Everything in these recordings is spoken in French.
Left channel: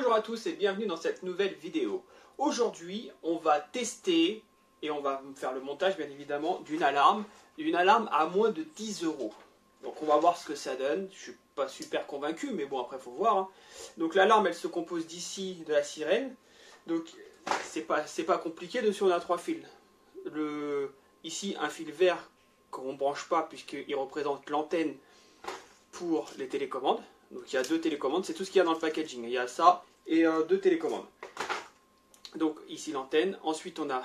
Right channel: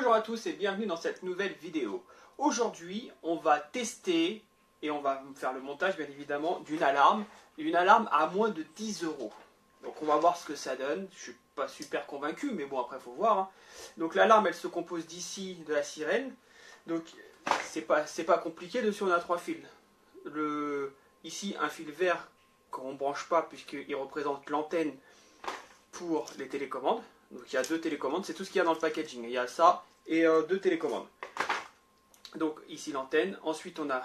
Bonjour à tous et bienvenue dans cette nouvelle vidéo. Aujourd'hui, on va tester et on va faire le montage bien évidemment d'une alarme à moins de 10 €. Donc on va voir ce que ça donne. Je suis pas super convaincu, mais bon après il faut voir. Hein. Donc l'alarme elle se compose d'ici de la sirène. Donc c'est pas compliqué. Dessus on a 3 fils. Ici un fil vert qu'on ne branche pas puisqu'il représente l'antenne pour les télécommandes. Donc il y a 2 télécommandes, c'est tout ce qu'il y a dans le packaging. Il y a ça et 2 télécommandes. Donc ici l'antenne. Ensuite on a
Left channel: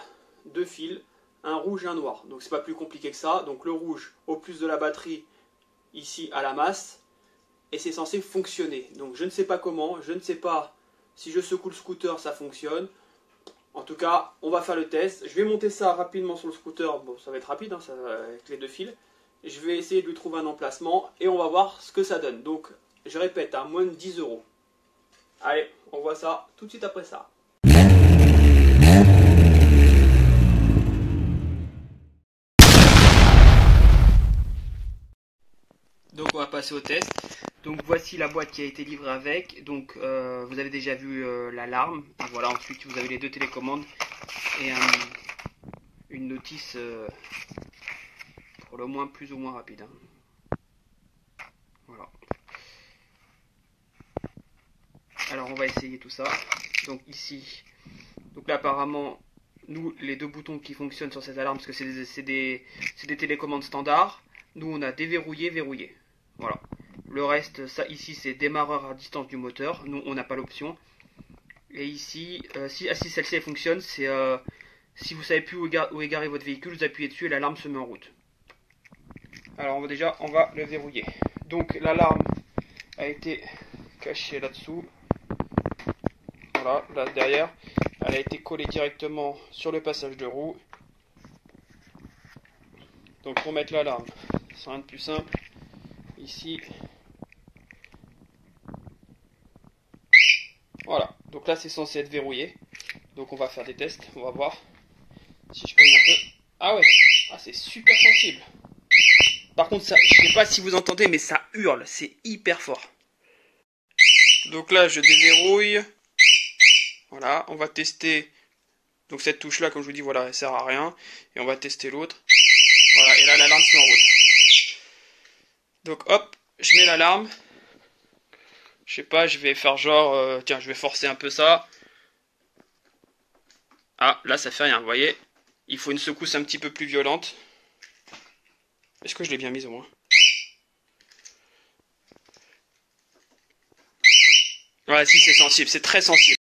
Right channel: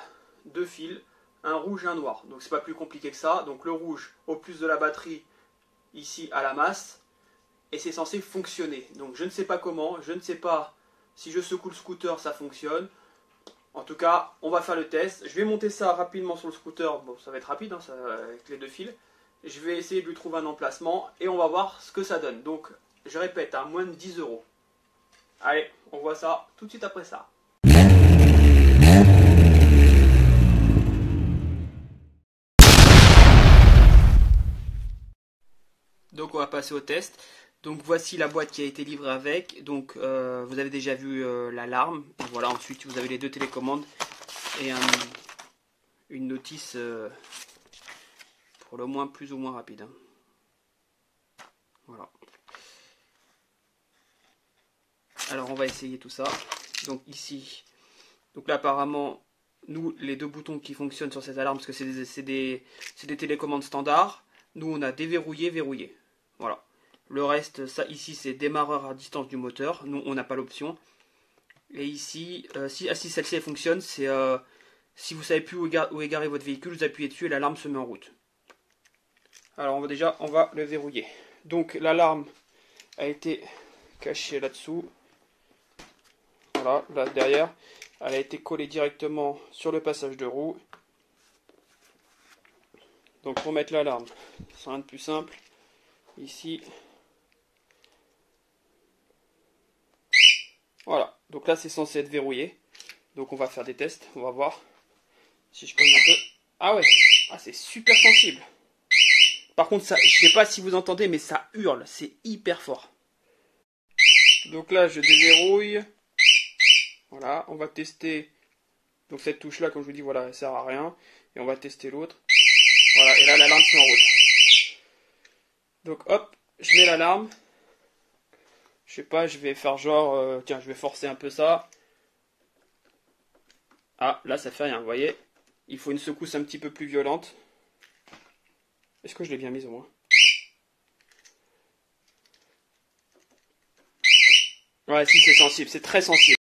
2 fils, un rouge et un noir. Donc c'est pas plus compliqué que ça. Donc le rouge au plus de la batterie ici à la masse. Et c'est censé fonctionner. Donc je ne sais pas comment, je ne sais pas si je secoue le scooter ça fonctionne. En tout cas on va faire le test. Je vais monter ça rapidement sur le scooter. Bon ça va être rapide hein, ça, avec les 2 fils. Je vais essayer de lui trouver un emplacement et on va voir ce que ça donne. Donc je répète, à moins de 10 €. Allez, on voit ça tout de suite après ça. Donc on va passer au test. Donc voici la boîte qui a été livrée avec. Donc vous avez déjà vu l'alarme. Voilà, ensuite vous avez les 2 télécommandes et une notice pour le moins plus ou moins rapide. Hein. Voilà. Alors on va essayer tout ça. Donc ici, donc là apparemment, nous les 2 boutons qui fonctionnent sur cette alarme, parce que c'est des télécommandes standards. Nous on a déverrouillé, verrouillé. Voilà. Le reste, ça ici c'est démarreur à distance du moteur. Nous on n'a pas l'option. Et ici, si celle-ci fonctionne, c'est si vous savez plus où est garé votre véhicule, vous appuyez dessus et l'alarme se met en route. Alors on va le verrouiller. Donc l'alarme a été cachée là-dessous. Voilà, là derrière, elle a été collée directement sur le passage de roue. Donc pour mettre l'alarme, c'est rien de plus simple. Ici, voilà. Donc là c'est censé être verrouillé. Donc on va faire des tests, on va voir si je cogne un peu. Ah ouais, ah, c'est super sensible. Par contre, ça, je sais pas si vous entendez, mais ça hurle, c'est hyper fort. Donc là je déverrouille. Voilà, on va tester. Donc cette touche là, comme je vous dis, voilà, elle sert à rien. Et on va tester l'autre. Voilà, et là l'alarme se met en route. Donc hop, je mets l'alarme. Je sais pas, je vais faire genre, tiens, je vais forcer un peu ça. Ah, là ça fait rien, vous voyez. Il faut une secousse un petit peu plus violente. Est-ce que je l'ai bien mise au moins? Ouais, si c'est sensible, c'est très sensible.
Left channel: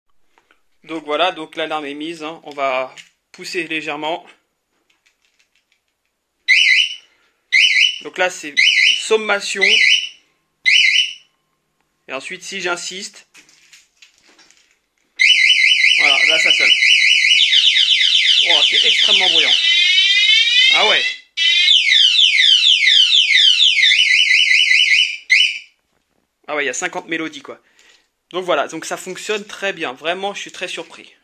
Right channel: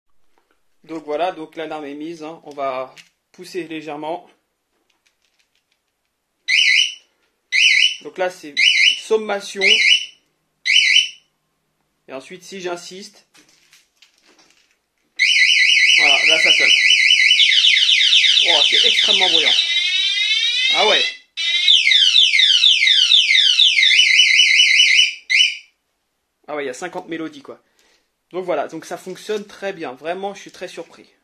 Donc voilà, donc l'alarme est mise, hein. On va pousser légèrement. Donc là c'est sommation. Et ensuite si j'insiste, voilà, là ça sonne. Oh, c'est extrêmement bruyant. Ah ouais. Ah ouais, il y a 50 mélodies quoi. Donc voilà, donc ça fonctionne très bien. Vraiment, je suis très surpris.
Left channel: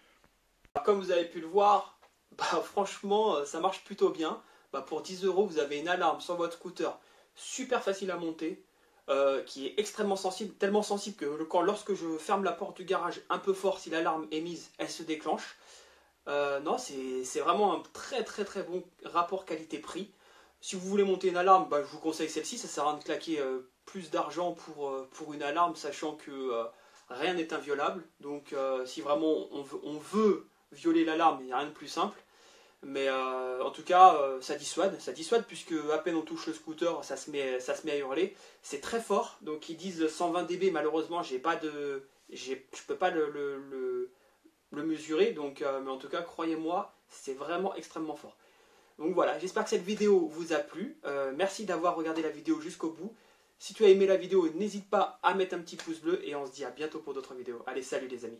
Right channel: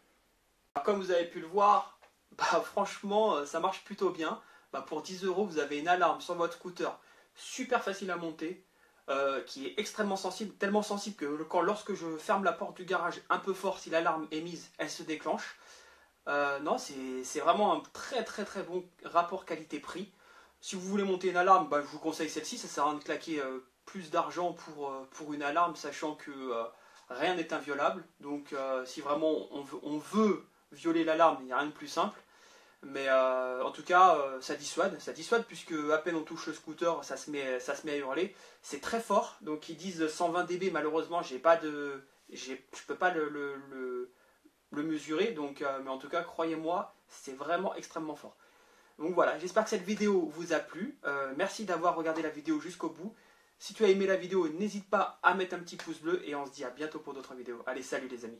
Comme vous avez pu le voir, bah, franchement, ça marche plutôt bien. Bah, pour 10 €, vous avez une alarme sur votre scooter super facile à monter, qui est extrêmement sensible, tellement sensible que lorsque je ferme la porte du garage un peu fort, si l'alarme est mise, elle se déclenche. Non, c'est vraiment un très bon rapport qualité-prix. Si vous voulez monter une alarme, bah, je vous conseille celle-ci. Ça sert à rien de claquer plus d'argent pour une alarme, sachant que rien n'est inviolable. Donc si vraiment on veut violer l'alarme, il n'y a rien de plus simple. Mais en tout cas, ça dissuade puisque à peine on touche le scooter, ça se met à hurler. C'est très fort. Donc ils disent 120 dB. Malheureusement, je peux pas le mesurer. Donc, mais en tout cas, croyez-moi, c'est vraiment extrêmement fort. Donc voilà, j'espère que cette vidéo vous a plu. Merci d'avoir regardé la vidéo jusqu'au bout. Si tu as aimé la vidéo, n'hésite pas à mettre un petit pouce bleu et on se dit à bientôt pour d'autres vidéos. Allez, salut les amis.